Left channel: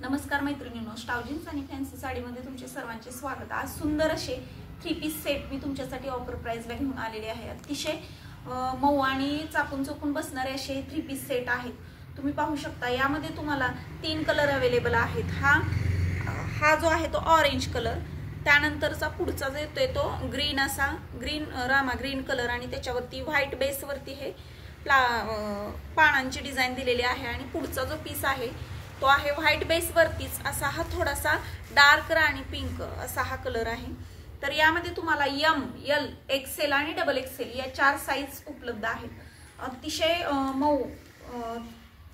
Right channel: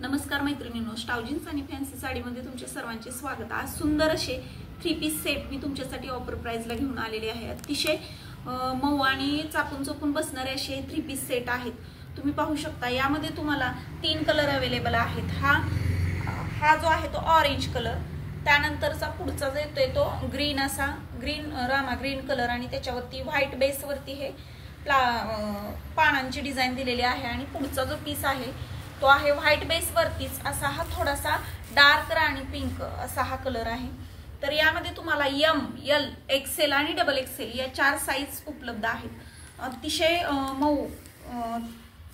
नमस्कार मैत्रिणींनो, स्टाव जीन्स आणि फॅन्सी साडीमध्ये तुमचे सर्वांचे स्वागत। आज सुंदर असे 3 पीस सेट मी तुमच्यासाठी ऑफर प्राइसला घेऊन आलेले आहे। अतिशय मऊ आणि चापून चोपून बसणारे असे 3 पीस सेट आहेत। तुम्ही पाहू शकता यामध्ये तुम्हाला 3 कलर अवेलेबल आहेत। हा जो आहे तो ऑरेंज कलर, त्यानंतरचा पुढचा जो येतोय तो ग्रीन असा रामा ग्रीन कलर आणि त्याच्यावरती व्हाईट बेस वरती हे पानांची डिझाइन दिलेली आहे। आणि पुढचा जो पीस आहे तो आहे व्हाईट बेस वरतीच असा हा थोडासा डार्क राणी पिंक असा हा कलर आहे। तर यामध्ये तुम्हाला एम, एल, एक्सेल आणि डबल एक्सेल या 4 साइज उपलब्ध आहेत। अतिशय मऊ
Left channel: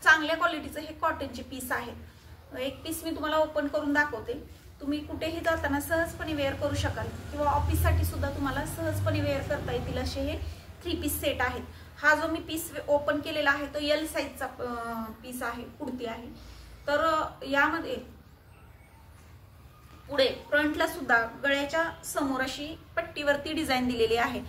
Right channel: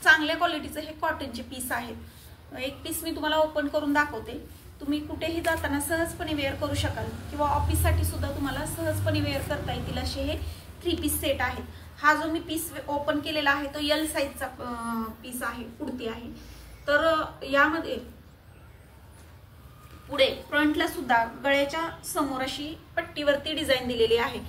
चांगल्या क्वालिटीचे हे कॉटनचे पीस आहेत। एक पीस मी तुम्हाला ओपन करून दाखवते। तुम्ही कुठेही जाताना सहजपणे वेअर करू शकाल किंवा ऑफिस साठी सुद्धा तुम्हाला सहजपणे वेअर करता येतील असे हे 3 पीस सेट आहेत। हा जो मी पीस ओपन केलेला आहे तो एल साइजचा पीस आहे, कुर्ती आहे। तर यामध्ये पुढे फ्रंटला सुद्धा गळ्याच्या समोर अशी पट्टीवरती डिझाइन दिलेली आहे।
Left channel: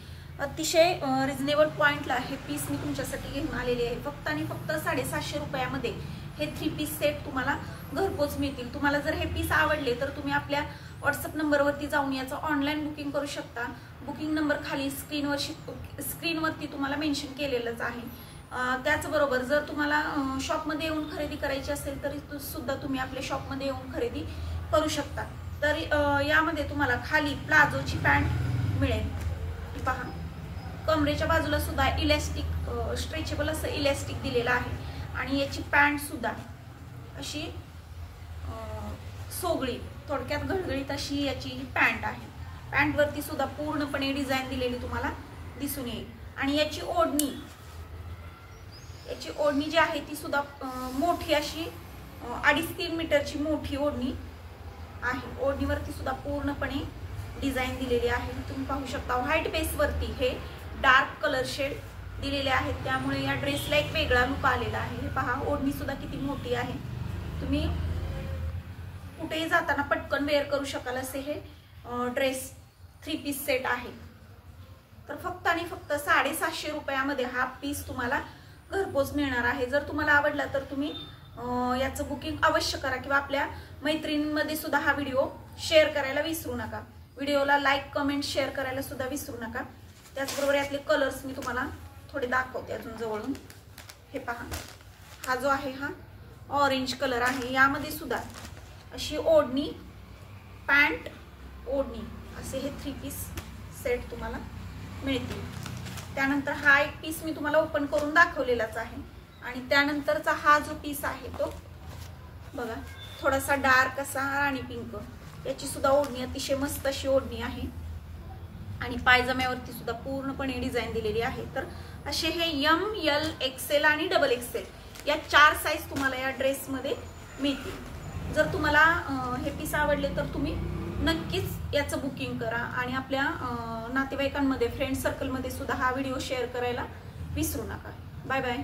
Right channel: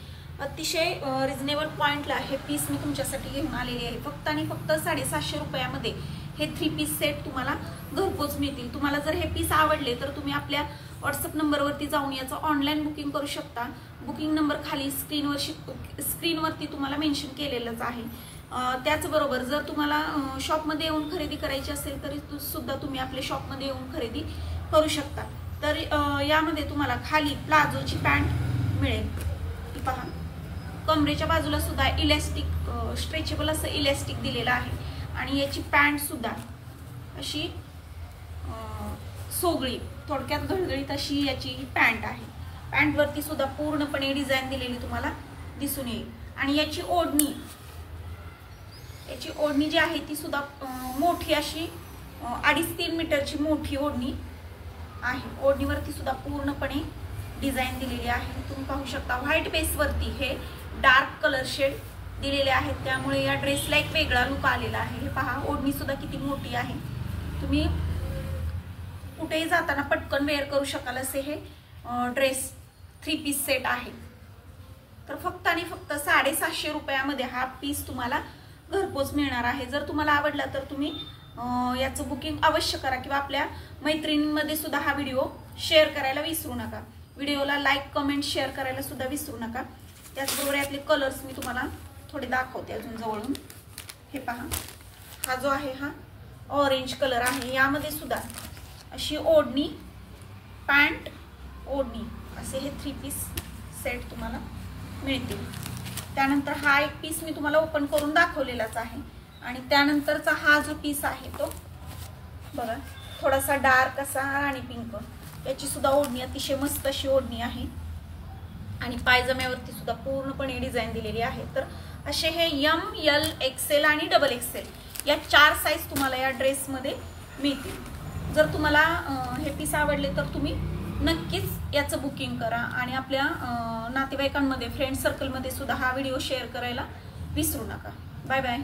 अतिशय रिजनेबल पॉइंटला हे पीस मी तुमच्यासाठी घेऊन आलेली आहे। फक्त आणि फक्त 750 रुपयामध्ये हे 3 पीस सेट तुम्हाला घरपोच मिळतील। तुम्हाला जर हे पीस आवडले तर तुम्ही आपल्या व्हॉट्सअप नंबरवरती जाऊन याचं ऑनलाइन बुकिंग करू शकता। बुकिंग नंबर खाली स्क्रीनवरती तुम्हाला मेन्शन केलेलंच आहे। त्याचबरोबर जर तुम्हाला शॉपमध्ये येऊन खरेदी करायची असेल तरी सुद्धा तुम्ही आपल्या शॉपमध्ये येऊन खरेदी करू शकता। तर यामध्ये तुम्हाला खाली प्लाझोची पॅन्ट मिळेल, ती पहा। कमरेच्या बाजूला सुद्धा इलास्टिक स्ट्रेचेबल असं इलास्टिक दिलेलं आहे आणि याची पॅन्ट सुद्धा अशी सोगळी थोडक्यात गळगळीत अशी याची पॅन्ट आहे। पॅन्ट वरती सुद्धा पूर्णपणे डिझाइन दिलेली तुम्हाला दिसून येईल। आणि याची ओढणी जी आहे ती सुद्धा मोठी अशी 2.5-3 मीटरची मोठी ओढणी आहे। ओढणीवरती सुद्धा पूर्णपणे डिझाइन दिलेली आहे। तुम्ही पाहू शकता व्हाईट बेस वरती हे डार्क कलर शेड दिलेले आहेत, त्यामुळे या ड्रेसला एक वेगळा लुक आलेला आहे। हे पहा, ओढणी सुद्धा किती मोठी आहे। तुम्ही कुठेही जाताना पटकन वेअर करू शकाल असे हे ड्रेस 3 पीस सेट आहे। तर फक्त आणि फक्त 750 रुपयामध्ये हा पीस तुम्हाला घरपोच मिळणार आहे। जर तुम्हाला आवडला तर तुम्ही याचं बुकिंग अवश्य करा किंवा आपल्या मैत्रिणींमध्ये सुद्धा हा व्हिडिओ शेअर करायला विसरू नका। व्हिडिओला लाईक, कमेंट, शेअर करायला सुद्धा विसरू नका। त्याचबरोबर यातले कलर्स मी तुम्हाला थोडे दाखवते अजून जवळून। हे पहा, हा जो आहे हा ऑरेंज कलर आहे। यामध्ये सुद्धा अशी ओढणी, पॅन्ट, ओढणी असे हे 3 पीस सेट तुम्हाला मिळतील। त्यानंतर हा एक पीस मी तुम्हाला ओपन करून दाखवलेलाच आहे। आणि त्यानंतरचा हा जो पीस आहे तो बघा, थोडासा डार्क असा राणी पिंक, याची सुद्धा ओढणी अतिशय मस्त अशी ओढणी आहे आणि पायजम्यावरती सुद्धा पूर्णपणे डिझाइन दिलेली आहे। तर असे हे एम, एल, एक्सेल आणि डबल एक्सेल या 4 साइज तुम्हाला या ड्रेसमध्ये मिळतील। जर तुम्हाला हे पीस आवडले तर तुम्ही नक्कीच याचं बुकिंग करा आणि आपल्या नातेवाईकांमध्ये, फ्रेंड सर्कलमध्ये सुद्धा हा व्हिडिओ शेअर करायला विसरू नका। Bye bye.